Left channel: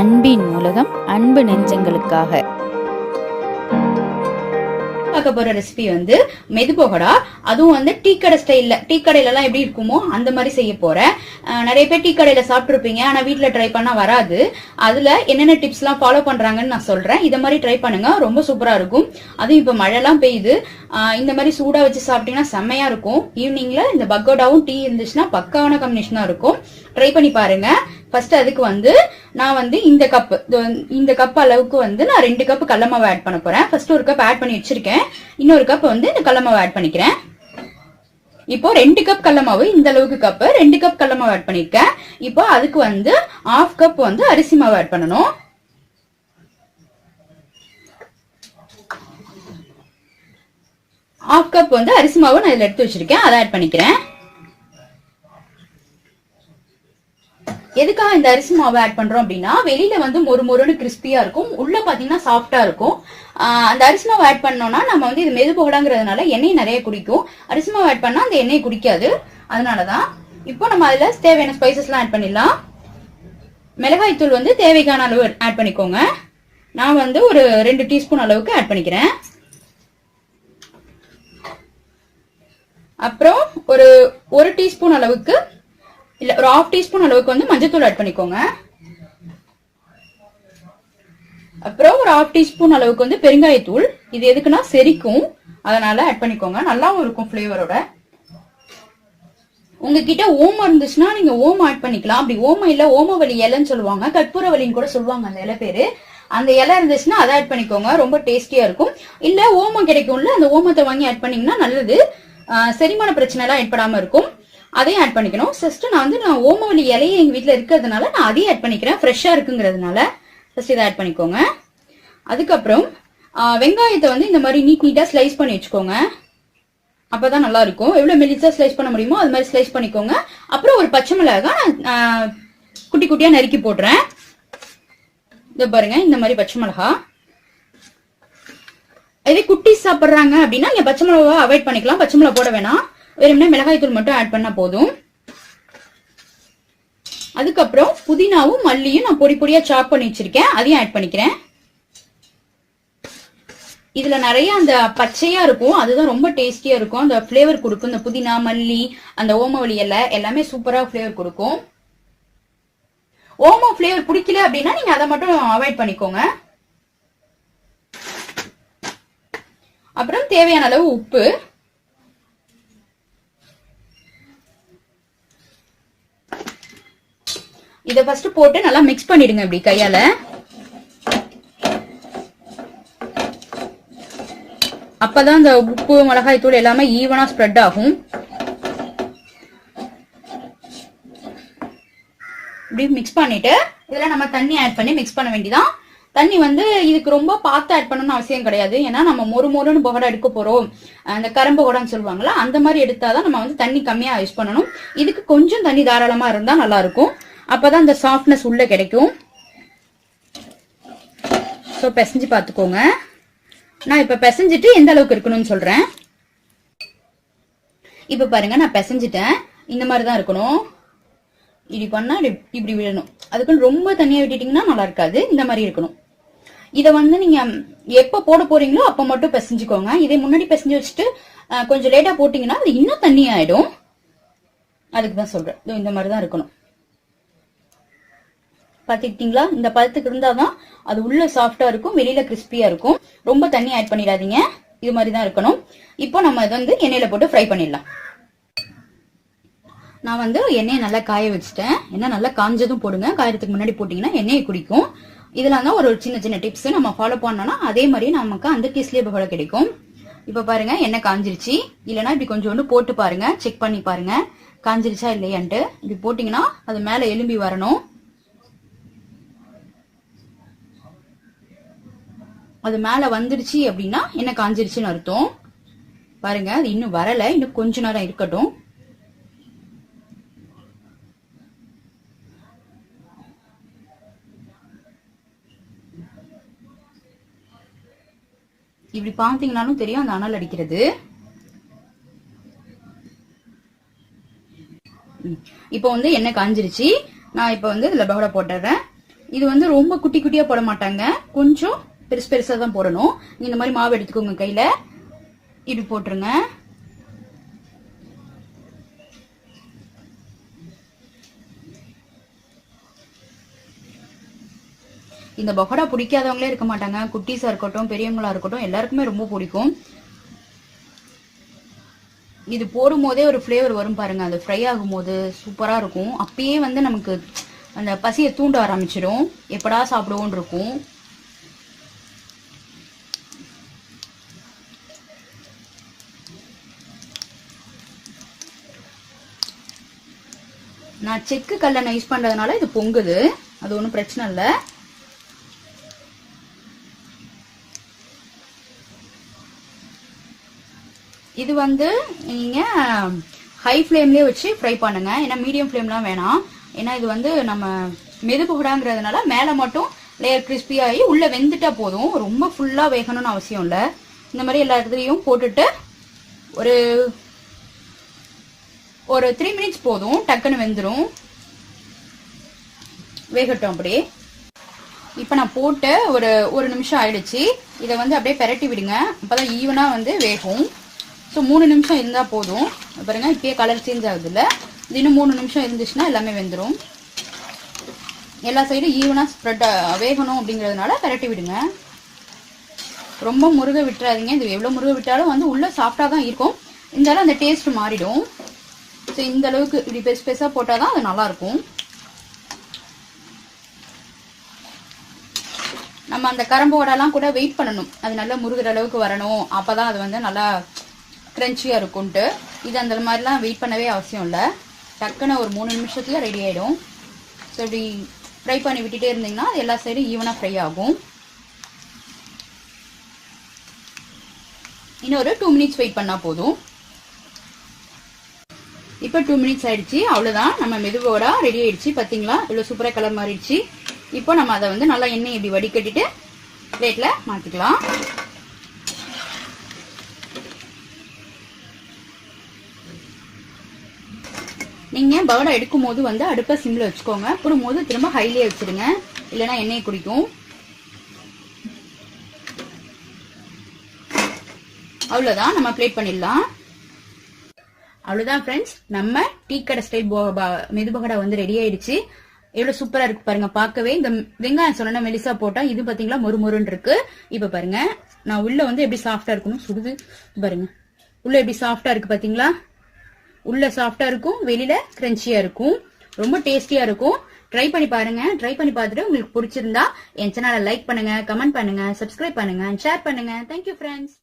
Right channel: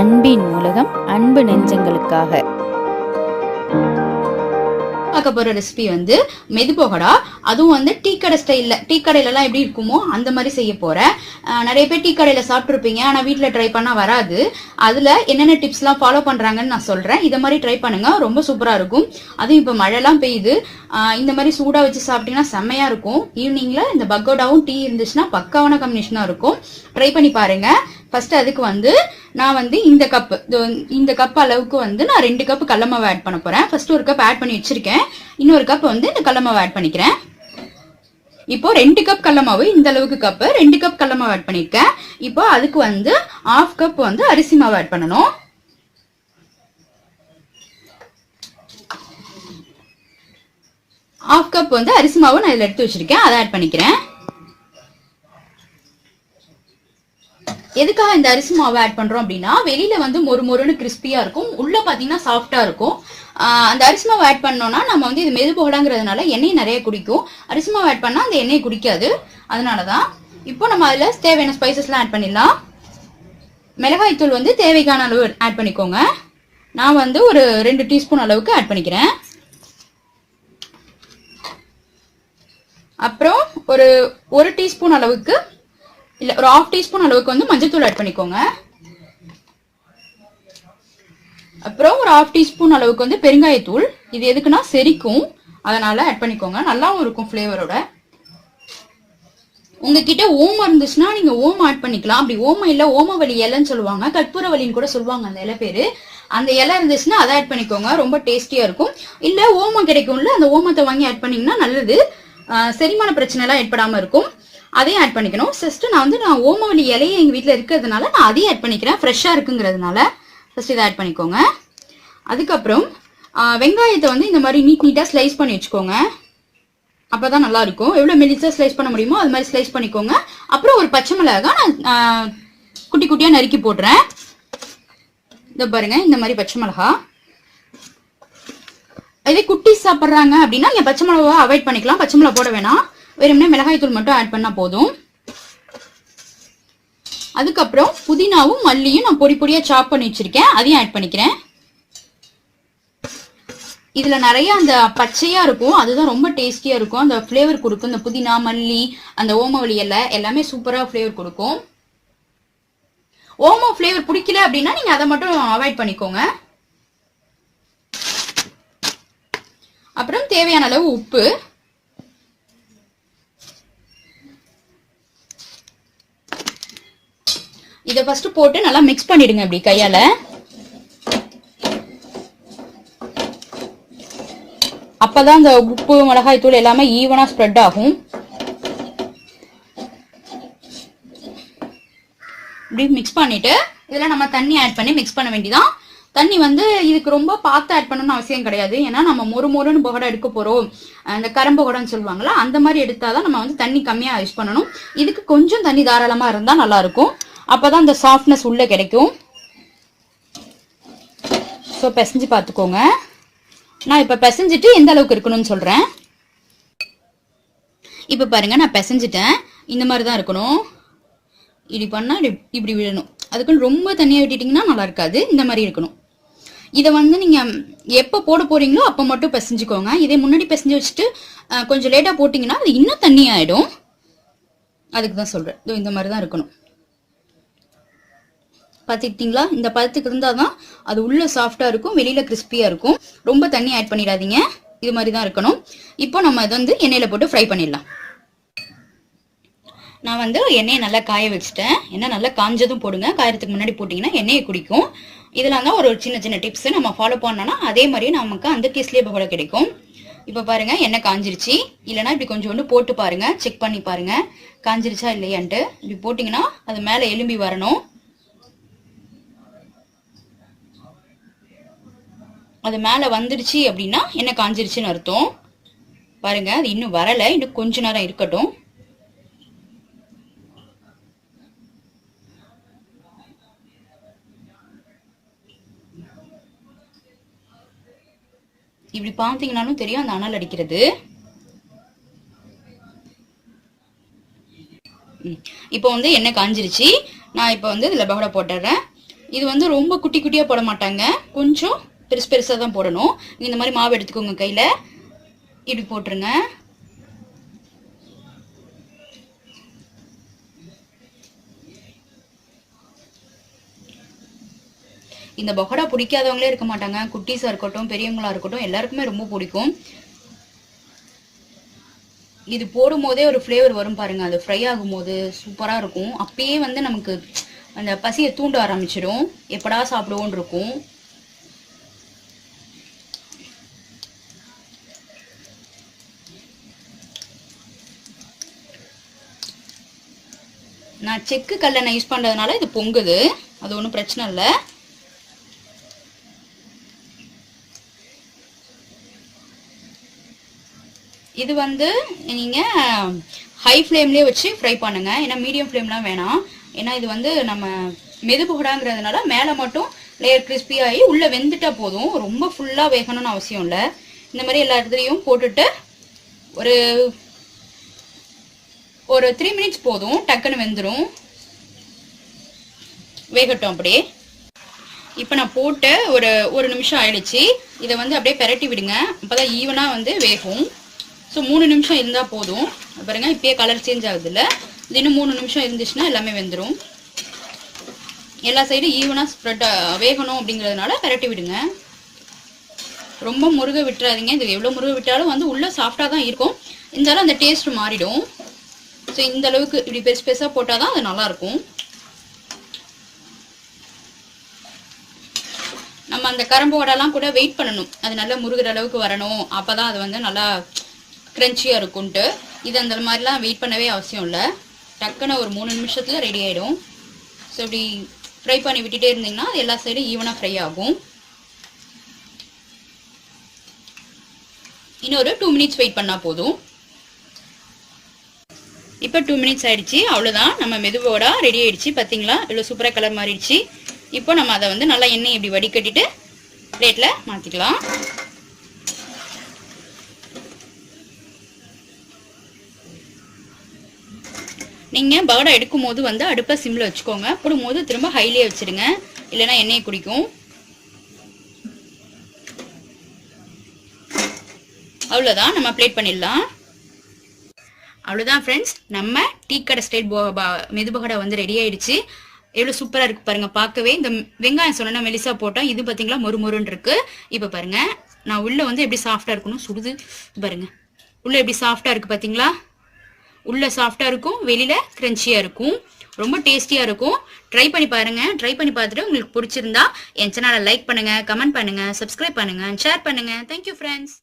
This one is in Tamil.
அன்பின் உலகம் அன்பு நெஞ்சங்களுக்காக பார்க்க போற ரெசிபி வந்து மெது பகோடா. அதுவும் வந்து டீ கடை ஸ்டைல்ல, டீ கடையில எல்லாம் எப்படி இருக்குமோ அந்த மாதிரி செய்ய போறேன். நிறைய பேர் டீ கடையில சாப்பிட்டுருப்பீங்க, ஆனா வீட்டுல ட்ரை பண்ணா வராது. அதுல என்னென்ன டிப்ஸ் எல்லாம் ஃபாலோ பண்றாங்கன்னு நான் சொல்றேன். இத மாதிரி ட்ரை பண்ணுங்க, ரொம்ப சூப்பரா இருக்கும். அதுவும் இப்ப மழை எல்லாம் பெய்யுது, இந்த மாதிரி சூடா வச்சு சாப்பிட்டீங்கன்னா செம்மையா இருக்கும். ஈவினிங்ல இந்த பக்கோடாவும் டீ இருந்துச்சுன்னா பக்காவான காம்பினேஷனா இருக்கும். ட்ரை பண்ணி பாருங்க. ஃபர்ஸ்ட் அதுக்கு வந்து நான் வந்து இந்த கப் அளவுக்கு வந்து நான் 2 கப் கடலை மாவு ஆட் பண்ண போறேன். ஃபர்ஸ்ட் ஒரு கப் ஆட் பண்ணி வச்சிருக்கேன், இன்னொரு கப் வந்து இந்த கடலை மாவு ஆட் பண்ணிக்கிறேன். இப்போ 2 கப் கடலை மாவு, இந்த அளவுக்கு கப் 2 கப் கடலை மாவு ஆட் பண்ணிருக்கேன். இப்போ அதுக்கு வந்து 1/2 கப் வந்து அரிசி மாவு ஆட் பண்ணணும். ½ கப் வந்து அரிசி மாவு நான் இதுல எடுத்து வச்சிருக்கேன், அதை ஆட் பண்ணிக்கிறேன். எதுக்காக இந்த அரிசி மாவு ஆட் பண்றோம் அப்படின்னா, வெளியில வந்து மொறுன்னு கிறிஸ்பியா இருக்கும், உள்ள பாத்தீங்கன்னா சாஃப்டா இருக்கும். அந்த அரிசி மாவு ஆட் பண்ணோம்னா நம்ம வந்து இது மெது பகோடாங்கிறதுனால எண்ணெய் நிறைய குடிக்கும். அரிசி மாவு ஆட் பண்ணா அந்த எண்ணெய் குடிக்காது, அதனாலதான். இப்போ நம்ம அதுல தேவையான ஸ்பைசஸ் எல்லாம் ஆட் பண்ணிடலாம். மிளகாய் தூள் வந்து தேவையான அளவு ஆட் பண்ணிக்கோங்க. நான் வந்து ஒரு 2 டீஸ்பூன் அளவுக்கு ஆட் பண்ணிக்கிறேன். அப்புறம் ஒரு டீஸ்பூன் அளவுக்கு இல்ல, ஒரு 1/2 டீஸ்பூன் அளவுக்கு வந்து மஞ்சத்தூள் ஆட் பண்ணிக்கோங்க. அப்புறம் ஒரு 1/2 டீஸ்பூன் அளவுக்கு வந்து பெருங்காயத்தூள். இது எதுக்குன்னா செரிக்கும், அதனால ஆட் பண்ணிக்கோங்க, நல்லாவும் இருக்கும் ஃபிளேவரோட. உங்ககிட்ட ஓமம் இருந்துச்சுன்னா நீங்க ஓமம் ஆட் பண்ணிக்கலாம். அப்படி ஓமம் இல்ல, ஓமவல்லி இலைன்னு சொல்லுவாங்க, கற்பூரவல்லின்னு கூட சொல்லுவாங்க அந்த இலை பேரு. அந்த இலை இருந்துச்சுன்னா அதை ஆட் பண்ணிக்கோங்க, ரொம்ப டேஸ்டியா இருக்கும். இல்ல ஓமம் கிடைக்கும்ல, அந்த ஓமத்தை வாங்கி ஆட் பண்ணீங்கன்னா நல்லது, செரிமான பிரச்சனை எல்லாம் ஏற்படாம இருக்கும். அதையும் ஆட் பண்ணிக்கணும். ஃபர்ஸ்ட் நான் ஓமவல்லி இலையை எங்க வீட்டுல இருக்கிறதுனால நான் அதையும் ஆட் பண்ணிக்கிறேன், ஃப்ரெஷ்ஷா இருக்குங்கிறதுனால. ஃபர்ஸ்ட் இதை ஆட் பண்ணிக்கோங்க. அதுக்கப்புறம் வெங்காயத்தை வந்து இந்த மாதிரி நீட்டா ஸ்லைஸ் பண்ணி வச்சுக்கோங்க, அப்பதான் நல்லா இருக்கும். எவ்வளவு மெலிசா ஸ்லைஸ் பண்ண முடியுமோ அது மாதிரி ஸ்லைஸ் பண்ணிக்கோங்க. அப்புறம் ஒரு பச்சை மிளகாய் நான் குட்டி குட்டியா நறுக்கி போடுறேன். இது பாருங்க, இந்த மாதிரி பச்சை மிளகா. அதே குட்டி சாப்பிட்றாங்க அப்படின்னா நீங்க பச்சை மிளகா அவாய்ட் பண்ணிக்கலாம், பச்சை மிளகா போட வேணாம், வெறும்னே மிளகாய் தூள் மட்டும் ஆட் பண்ணா போதும். அதுக்கப்புறம் புதினாவும் மல்லியும் நான் பொடி பொடியா சாப் பண்ணி வச்சிருக்கேன், அதையும் ஆட் பண்ணிக்கிறேன். இதுல நிறைய அந்த பச்சையா இருக்கும், அதுதான் ரொம்ப டேஸ்டியா இருக்கும், அந்த பிளேவர் கொடுக்கும். இந்த புதினா மல்லி அந்த ஓமவல்லி இலை எல்லாமே சூப்பரா பிளேவர் கொடுக்கும். ஓமம் பிளேவர் பிடிக்கல அப்படின்னா நீங்க அதை மட்டும் அவாய்ட் பண்ணிக்கோங்க. அப்புறம் தேவையான அளவு உப்பு. இதை ஃபர்ஸ்ட் போட்டு நல்லா மிக்ஸ் பண்ணிடுங்க இப்படி கையால. அப்பதான் இந்த உப்பு மிளகாய் தூள் எல்லாமே ஈவனா ஸ்ப்ரெட் ஆகும். இப்படி மிக்ஸ் பண்ணிட்டு இதுல நம்ம தண்ணி ஆட் பண்ணி மிக்ஸ் பண்ண வேண்டியதான். தண்ணி வந்து இதுக்கு ரொம்ப பார்த்து ஆட் பண்ணணும்னு அவசியம் கிடையாது, ஏன்னா நம்ம மொறுன்னு பகோடா எடுக்க போறோம், அந்த கரம் பகோடான்னு சொல்லுவாங்களா, அந்த மாதிரி எடுத்தாதான் நம்ம வந்து தண்ணி கம்மியா யூஸ் பண்ணணும். இதுக்கு கொஞ்சம் தண்ணி தாராளமா இருந்தா நல்லா இருக்கும், அப்பதான் அந்த சாஃப்ட்னஸ் உள்ள கிடைக்கும். ஸோ பிசைஞ்சு பார்த்துக்கோங்க. நான் இப்ப பிசைஞ்சிட்டு எந்த அளவுக்கு இருக்கணும்னு சொல்றேன். இப்ப பாருங்க, நான் பிசைஞ்சிட்டேன், இந்த மாதிரிதான் இருக்கணும். இப்படி பண்ணா இப்படி விழணும், அதுக்குன்னு ரொம்ப தண்ணியை விட்டுட்டீங்கன்னா நல்லா இருக்காது, இந்த மாதிரி இருக்கணும். இதை வந்து நீங்க எப்ப போட போறீங்களோ அப்ப மட்டும் பிசைஞ்சுக்கோங்க. இதே முன்னாடி பிசைஞ்சு வச்சுட்டு கொஞ்சம் லேட்டா போட்டீங்கன்னா அது இன்னும் தண்ணி ஆயிடும், அதுக்குதான் சொல்றேன். இந்த மாதிரிதான் இருக்கணும். பாத்துக்கிட்டீங்களா? இந்த பதத்துக்கு இருந்தாதான் அது உள்ள சாஃப்டா இருக்கும், வெளியில கிறிஸ்பியா இருக்கும். ரொம்ப தண்ணி ஆட் பண்ணிடாதீங்க, இது மாதிரிதான் இருக்கணும். இப்போ நம்ம இதை வந்து எண்ணெயில போட்டு ஃப்ரை பண்ணிடலாம். நான் வந்து எண்ணெயை நல்லா காய வச்சுட்டேன். எண்ணெய் நல்லா காஞ்சதும் போடுங்க, காயறதுக்கு முன்னாடி போட்டீங்கன்னா எண்ணெயை குடிக்கும். இதெல்லாம் தான் ஒரு சின்ன டிப்ஸ் நம்ம ஃபாலோ பண்ணோம்னா அதே மாதிரி நமக்கு அந்த கேஸ்லயே பகோடா கிடைக்கும். இப்ப பாருங்க, எண்ணெய் காஞ்சிருச்சு. இல்லைன்னா இப்படி கொஞ்சோண்டு போட்டு பாருங்க, செக் பண்ணி பாருங்க காஞ்சிருச்சா இல்லையான்ட்டு. இப்படி போட்டீங்கன்னா அது மேல எலும்பி வரணும். அது மேல வந்துருச்சு அப்படின்னா என்ன காஞ்சிருச்சுன்னு அர்த்தம். பாருங்க, அது இன்னும் வரல, இன்னும் கொஞ்ச நேரம் இருக்கட்டும். இப்படி பாத்தீங்கன்னாலும் தெரியும் அந்த அனல் அடிக்கிறது. இப்போ வந்து எண்ணெய் காஞ்சிருச்சு. நான் இப்போ வந்து இதுல பகோடா போட்டுறேன். இது வந்து ரொம்ப குட்டி குட்டியா போட மாட்டாங்க, கொஞ்சம் பெருசு பெருசா தான் போடணும். இந்த மாதிரி மாவு எடுத்துக்கோங்க, கையில இப்படி போட்டுருங்க. இந்த பக்கோடா பிடிக்காதவங்களே இருக்க மாட்டாங்க, குட்டீஸா இருக்கட்டும் பெரியவங்களா இருக்கட்டும் எல்லாருக்குமே ரொம்ப பிடிக்கும். இது போடும் போதே ஒரு ஃப்ளேவர் வரும் பாருங்க, அது ஃப்ரை ஆகும் போது சூப்பரா இருக்கும். அப்பயே வந்து நமக்கு அந்த பசியை தூண்ட ஆரம்பிச்சிடும், எப்படா சாப்பிடுவோன்னு இருக்கும். நான் செக்கு கல்லை யூஸ் பண்றதுனால இது பொங்குது, அது ஒன்றும் பிரச்சனை இல்லை. இது வந்து நீங்க ஹை ஃப்ளேம்லயே வச்சு ஃப்ரை பண்ணுங்க, ஏன்னா மீடியம் ஃப்ளேம்லாம் வேணாம். ஏன்னா இது வந்து நம்ம மெது பக்கோடாங்கிறதுனால மேலே மட்டும் லேயர் கிறிஸ்பி ஆகி உள்ள வெந்துட்டா போதும், ரொம்ப ஃபுல்லா வேகணும்னு அவசியம் இல்லை. இந்த மாதிரி எல்லா இடத்துலையும் போட்டுட்டு ஒரு ஒரு 3 மினிட்ஸ் போதும், டக்குன்னு வெந்துடும். வேகட்டும் அப்படியே. இப்போ நான் போட்ட ஒரு நிமிஷம் ஆயிடுச்சு. இதை வந்து அப்படியே பெரட்டி விடுங்க, அப்பதான் ஈவனா வந்து வேகும். ஸோ 3 நிமிஷம் இருந்தால் போதும். பாருங்க இப்பயே கலர் சேஞ்ச் ஆகுது இல்லை, இது இன்னும் 3 நிமிஷம் இருந்துச்சுன்னா எல்லாமே வெந்துடும். எல்லா சைடும் ஈவனாக ஸ்ப்ரெட் வேகணும் அப்படிங்கிறதுனால பெரட்டி விடுங்க. ரொம்ப முருக விட்டுறாதீங்க, இது எவ்வளோ முருக விட்டாலும் வந்து உள்ள சாஃப்டாக தான் இருக்கும், இருந்தாலும் அந்த டேஸ்ட் மாறிடும். ஸோ இந்த அளவுக்கு இப்படி பெருசு பெருசாக போட்டால் தான் அது நல்லாயிருக்கும். நம்ம அந்த கரம்போடெல்லாம் கூட வெயிட் பண்ணணும், அது நல்லா முருகிற அளவுக்கு வரணும், அப்போ தான் அது வந்து நல்லா கிரன்ச்சியாக இருக்கும்ன்ட்டு. இது அந்த மாதிரிலாம் வெயிட் பண்ணவே அவசியம் இல்லை, டக்குன்னு ஒரு 3 நிமிஷத்தில் ரெடி ஆகிடும். ஸோ இப்படி ஃப்ரை பண்ணி விட்டுட்டே இருந்தீங்கன்னா அது எல்லா சைடும் ஈவனாக ஃப்ரை ஆகும். இன்னும் ஒரு 2 மினிட்ஸ் வெயிட் பண்ணால் போதும். இப்போ 2 மினிட்ஸ் ஆயிடுச்சு, அவ்வளோதான். நம்ம மெதுவோடா ரெடி ஆயிடுச்சு. பார்த்தீங்களா இவ்வளோ சூப்பராக கலர் மாறிடுச்சு. இப்போ நம்ம அதை வந்து நல்லா எண்ணெய் இப்படி வடிகட்டிட்டு பிளேட்டில் மாற்றிக்கலாம். நீங்கள் பகோடா எடுக்கும் போது வந்து அடுப்பை சிம்மில் வச்சுக்கோங்க, போடும்போது திரும்ப ஹைலியே வச்சுடுங்க, இல்லைன்னா எண்ணெயை குடிக்கும். அவ்வளோதான், நம்ம பிளேட் பண்ணிடலாம். அவ்வளோதான் ஃப்ரெண்ட்ஸ், நம்ம டீ கடை ஸ்டைல் மெது பகோடா வந்து ரெடி ஆயிடுச்சு. எவ்வளோ சூப்பராக இருக்கு பாருங்க பார்க்கவே. இந்த வெங்காயம் சொன்னா மெலிசா போட்டால் இது பார்த்தீங்களா மொறு மொறுன்னு இருக்கு. இப்போ பாருங்க நான் உள்ள வந்து எப்படி சாஃப்டாக இருக்கணும் சுடுது பாருங்க, உள்ள எப்படி சாஃப்டாக இருக்கு பார்த்தீங்களா. உள்ள சாஃப்டாக இருக்கும், வெளியில கிரன்ச்சியாக இருக்கும், ரொம்ப டேஸ்டியாக இருக்கும். ட்ரை பண்ணி பாருங்க. ட்ரை பண்ணி பார்த்துட்டு உங்களுக்கு பிடிச்சிருந்தா என் சேனலை லைக் பண்ணுங்க, கமெண்ட் பண்ணுங்க, சப்ஸ்கிரைப் பண்ணுங்க, ஷேர் பண்ணுங்க. Thank you friends.